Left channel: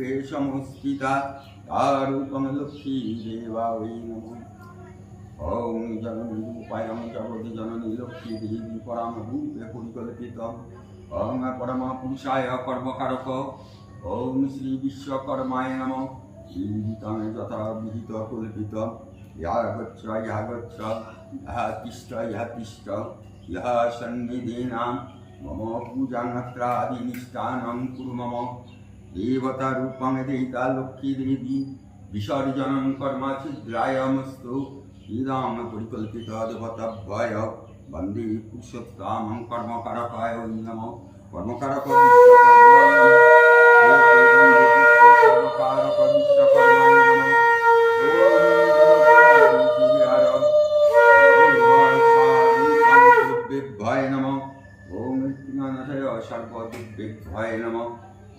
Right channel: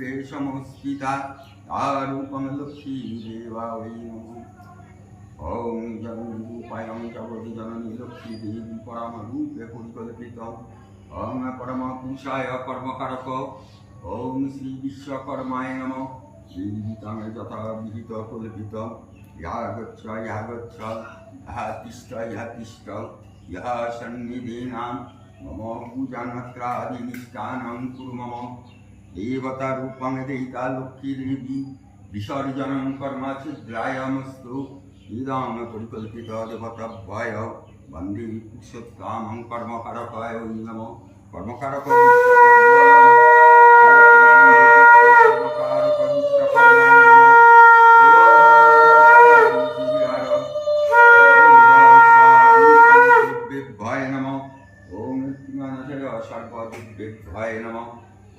রূপে সমস্থিতা তারূপং লক্ষ্মী দেবা ওই নমঃ। ওম জগন্নাথ রূপায়ং জগৎ জননী লক্ষ্মী দেবী পরম রূপে পরিকল্পিতম। ওম পরম পুরুষায় কর্মকারক। ওম শ্রী বিশ্বকর্মায় নমঃ। জীবিতং যথা বিহিত কল্পিতম। ইহা গচ্ছ ইহা গচ্ছ, ইহা তিষ্ঠ ইহা তিষ্ঠ, ইহা সন্নিধিনাম মম পূজান্ত্রাদিনিষ্ঠানং কুরু মম। দেবতা রূপং দেহিতা লক্ষ্মী দেবী বিসর্জনং কর্ম ছিদ্রায়মস্তু। ইদং পরিকল্পিত দেবতাভ্যয় বন্দে পুরুষোত্তমং কর্মকারকায় নমঃ। কর্মকারক কর্মকারক বিশ্বকর্মায় নমঃ। ভয় নমঃ। ওম মৃত্যুনাশায় সর্বদিব্যেভ্যয় নমঃ।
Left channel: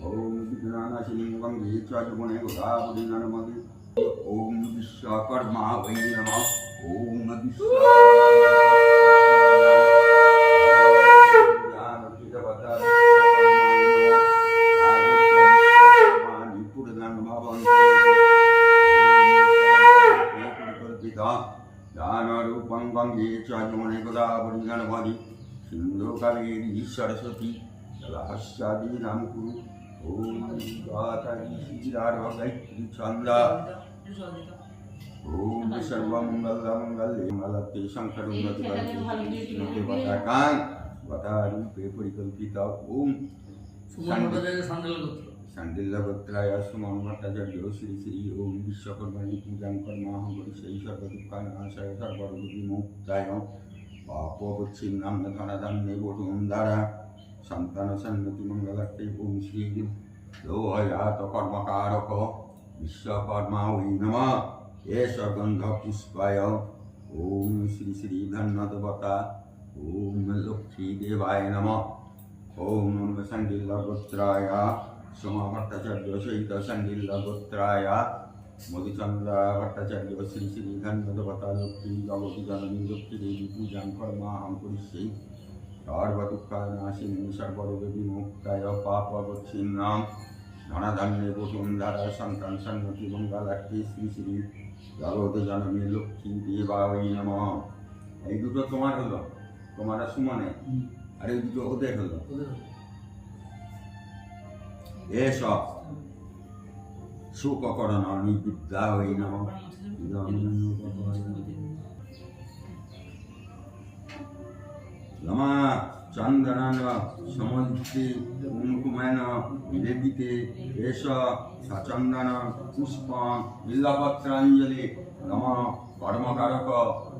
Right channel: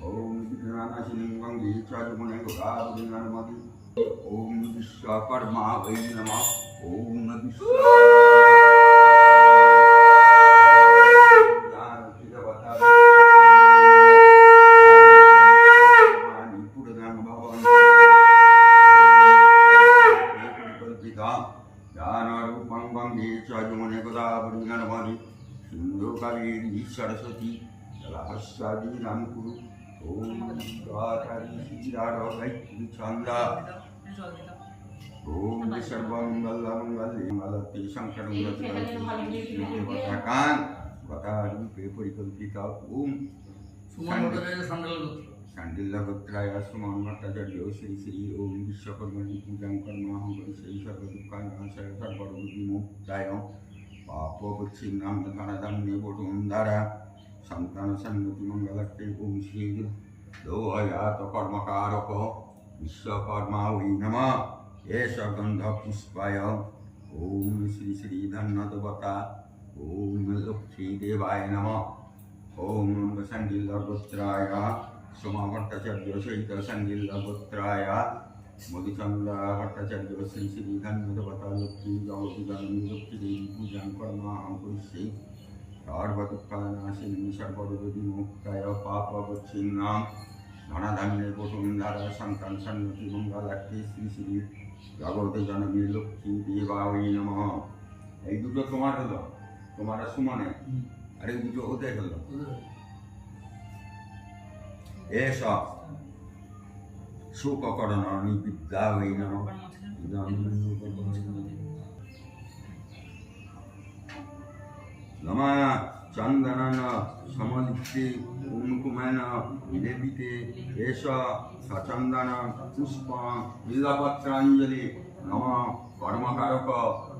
ওম বিঘ্ননাশিনী গঙ্গে চরগুণে গোদাবরী নর্মদে। ওম বিশ্বকর্মা বৈ নমঃ। ওম জ্ঞানরূপং গঙ্গে চরগুণে গোদাবরী নর্মদে। সিন্ধুকাবেরী সরস্বতী জলাহস্যাদি নাম কুরু। ওম গাতারি শ্রীরাধবৈত্রী চন্দ্রা। ওম সর্বমঙ্গলমঙ্গলে মঙ্গলতে শঙ্করং দেবতাকাং গতারূপে পরিকল্পিত। ওম শাণ্ডিল্য গোত্রায় সুমন ভট্টাচার্য শ্রী শ্রী ওম বিশ্বকর্মণি পূজাং কর্মাহং করিষ্যামি সর্বদুঃখানাশায় সর্বরোগবিমুক্তায়। পাপবচ্ছিন্নাম ধনধান্যে বটুন্ধারা সন্তান সন্নতি মঙ্গলার্থে। ওম শ্রী লোহয়াত কর্মকারক বিশ্বকর্মা ওই নমঃ। এষ গন্ধ পুষ্পায়। ওম শ্রী শ্রী ধন্যদেবতা ওম লক্ষ্মী দেবায় নমঃ। ওম শাণ্ডিল্য গোত্রায় সোম ভট্টাচার্য সহিত শাণ্ডিল্য গোত্রায় মধুচন্দ্র ভট্টাচার্য শ্রী শ্রী ধন্যদেবতা লক্ষ্মী জগতী জননী লক্ষ্মী দেবী পূজাং কর্মাহং করিষ্যামি সর্বদুঃখনাশিনী সর্বরোগবিমুক্তায়। পাপবচ্ছিন্নাম ধনধান্যে বসুন্ধরা সন্তান সন্নতি মঙ্গলার্থে। শ্রী শ্রী জগতী জননী লক্ষ্মী দেবা ওই নমঃ। এই দুটো তোমার হলো, তোমার সুমনে, আর এই দুটো ওদের হলো। এস সুককরণ বিদ্যা ওই নমঃ। নমঃ চন্দনন সমলিপ্তে কুমকুমেন নিবেদিতে এষ সচন্দন পুষ্পং বিল্বপত্রাঞ্জলি। নমঃ কর্মকারক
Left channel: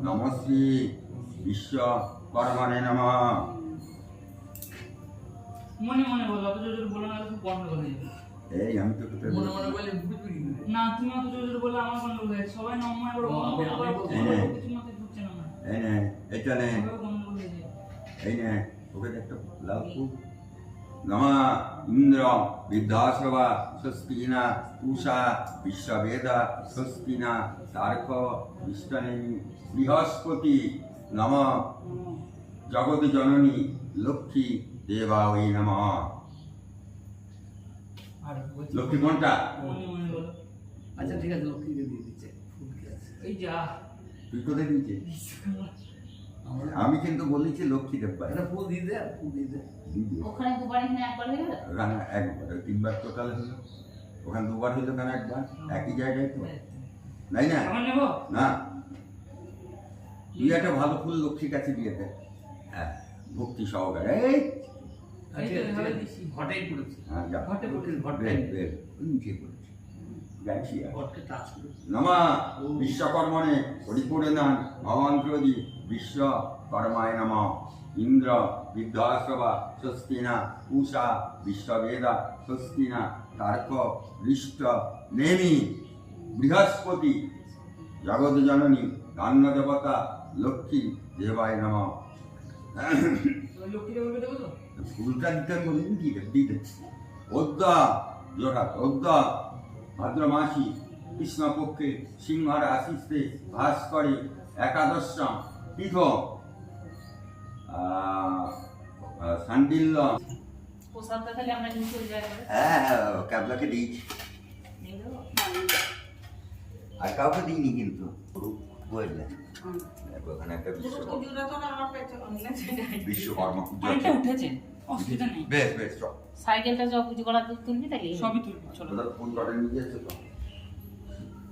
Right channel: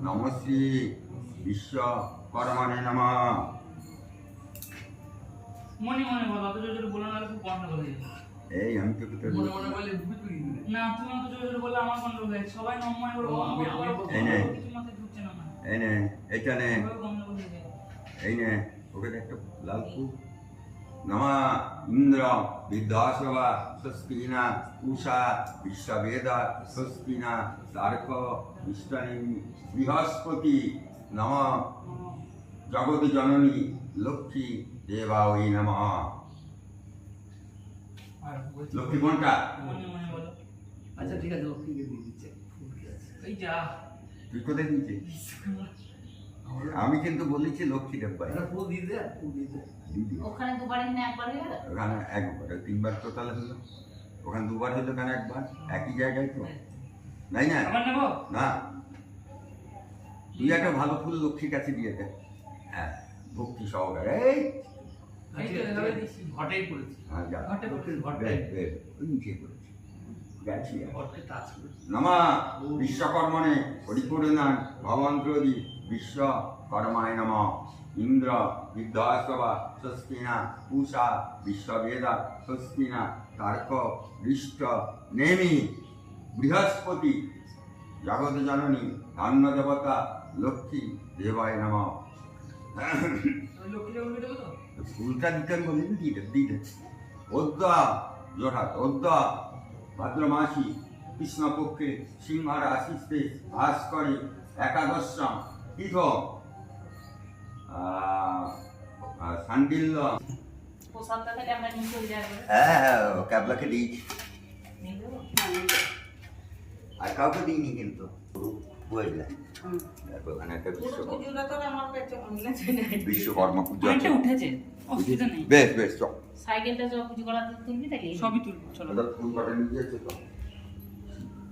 নমঃ শ্রী বিশ্বকর্মণে নমঃ। মনে মনে বলো, অত জোরে বলো না, খুব গন্ডগোল হয়ে যাবে। এই আমি তো কোথায় মনে মনে বলে না, তুমি অত জোরে বলে আমার গন্ডগোল হয়ে যাবে। সবাই নময় করো, এই নে কিছু মাথায় ঢুকছে না আমার। এই নে এটা নে গন্ডগোল হয়ে যাবে। এই নে ওকে একটা লাল ফুল। নমঃ ইন্দ্র বিদ্যাসবা স্বস্তিনা উষা বিশ্ববেদা স্বস্তিনা তারক বিষ্ণুনি বৃহস্পতি। নমঃ জগৎ জননী লক্ষ্মী দেবা ওই নমঃ। আর লক্ষ্মী কোনটা? মনে মনে বলো। আচ্ছা ঠিক আছে, লক্ষ্মীকে দিয়ে দিচ্ছে। ফুল কি আছে? এই যা তুই কোথায় দিয়েছিস? আমি কিন্তু বলেছি লক্ষ্মী দেববাই। একটা ফুল দিয়ে দে, ফুল দিয়ে দে। দিদি ওখানে দুবারই না একবার হয়ে গেল? ওখানে একবার, তিনবার টোটাল হলো। ওখানে দুবার হইলো কেন? একবার একই জায়গায় তো, নাই না? আবার নেবো? না, তুই একটা ভালো ফুল লক্ষ্মীর কাছে দিয়ে দে। হ্যাঁ, ভক্তি সহকারে। এই এই তো এভাবে দিছি। ঘটেই করেছে। হ্যাঁ, যা ঘটে লক্ষ্মীর ঘটে বের বের ওই নিচে করেছি, যাচ্ছি আর। ঘটকে টাচ করেছে। নমঃ বিশ্বকর্মণে পরিপূর্ণান ভগবন্ত্রদি বিশ্বকর্মায় নমঃ। ইন্দ্র বিদ্যাসবা স্বস্তিনা উষা বিশ্ববেদা স্বস্তিনা তারক হৃষ্ট নেমি বৃহস্পতি জগৎ জননী ধান্য দেবতা লক্ষ্মী দেবায় নমঃ। ওই লক্ষ্মীটা উঠে দেবো তো? ফুলটা দিতে বলি দিতে অদ্যা জোড়া অদ্যা ভাদ্র মাসি কৃষ্ণপক্ষে সিংহ রাশিতে ভাস করে একাদশম তীর্থ শাণ্ডিল্য। প্রসাদটা তাহলে আমরা নিয়ে চলে যাবো। হ্যাঁ হ্যাঁ, ক্যাবলাকে দিয়েছি। আর কাউকে দিইনি কিন্তু বুঝলে দেখো এখানে একটা বিশ্বকর্মা পূজা অনেকটা উঠেছে, অসুবিধা নেই। বেশ বেশ চল সাইকেলটা যা পুজো করা তুলবি তাহলে সবই তুলবো, চলো। ওদের ফোন কাটা নিয়ে যাচ্ছে তো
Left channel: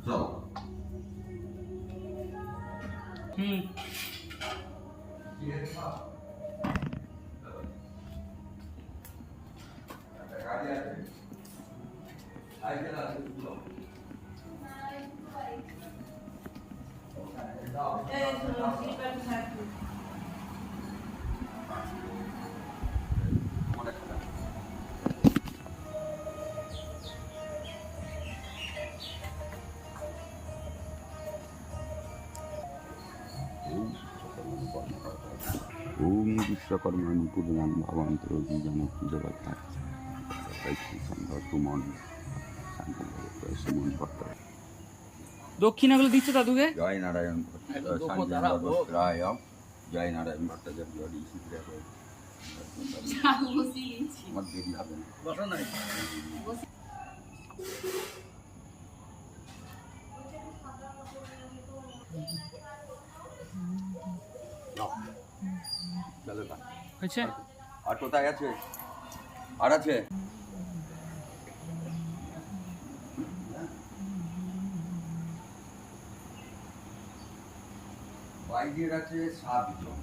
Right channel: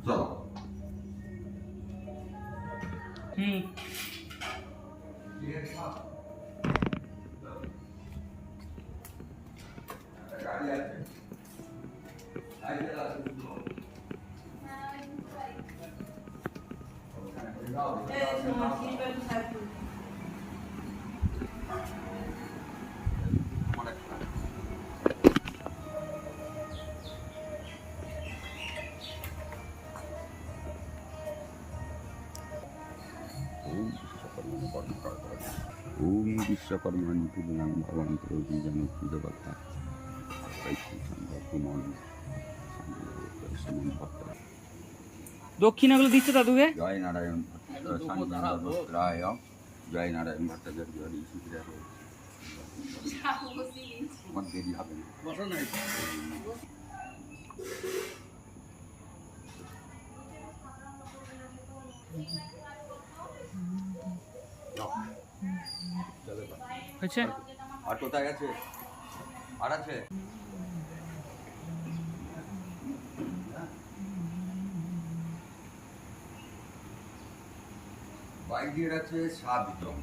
চলো হুম। ওম বিশ্বকর্মাণি পূর্ণাং ভবন্তর বীজানকি জগত্তা সুমন সুমন ভট্ট দক্ষিণাগুলো দিচ্ছে দাদুকে। জয় নারায়ণ একদম দুঃখ সঞ্জয় দাঁড়াও, ভট্টাচার্য জয় নারায়ণ ভট্টাচার্য আমার দেরি হবে না বসো না চলো তা। হয়েছে? আর কোথায় আছে আর আছে বাইকের আছে 7 জন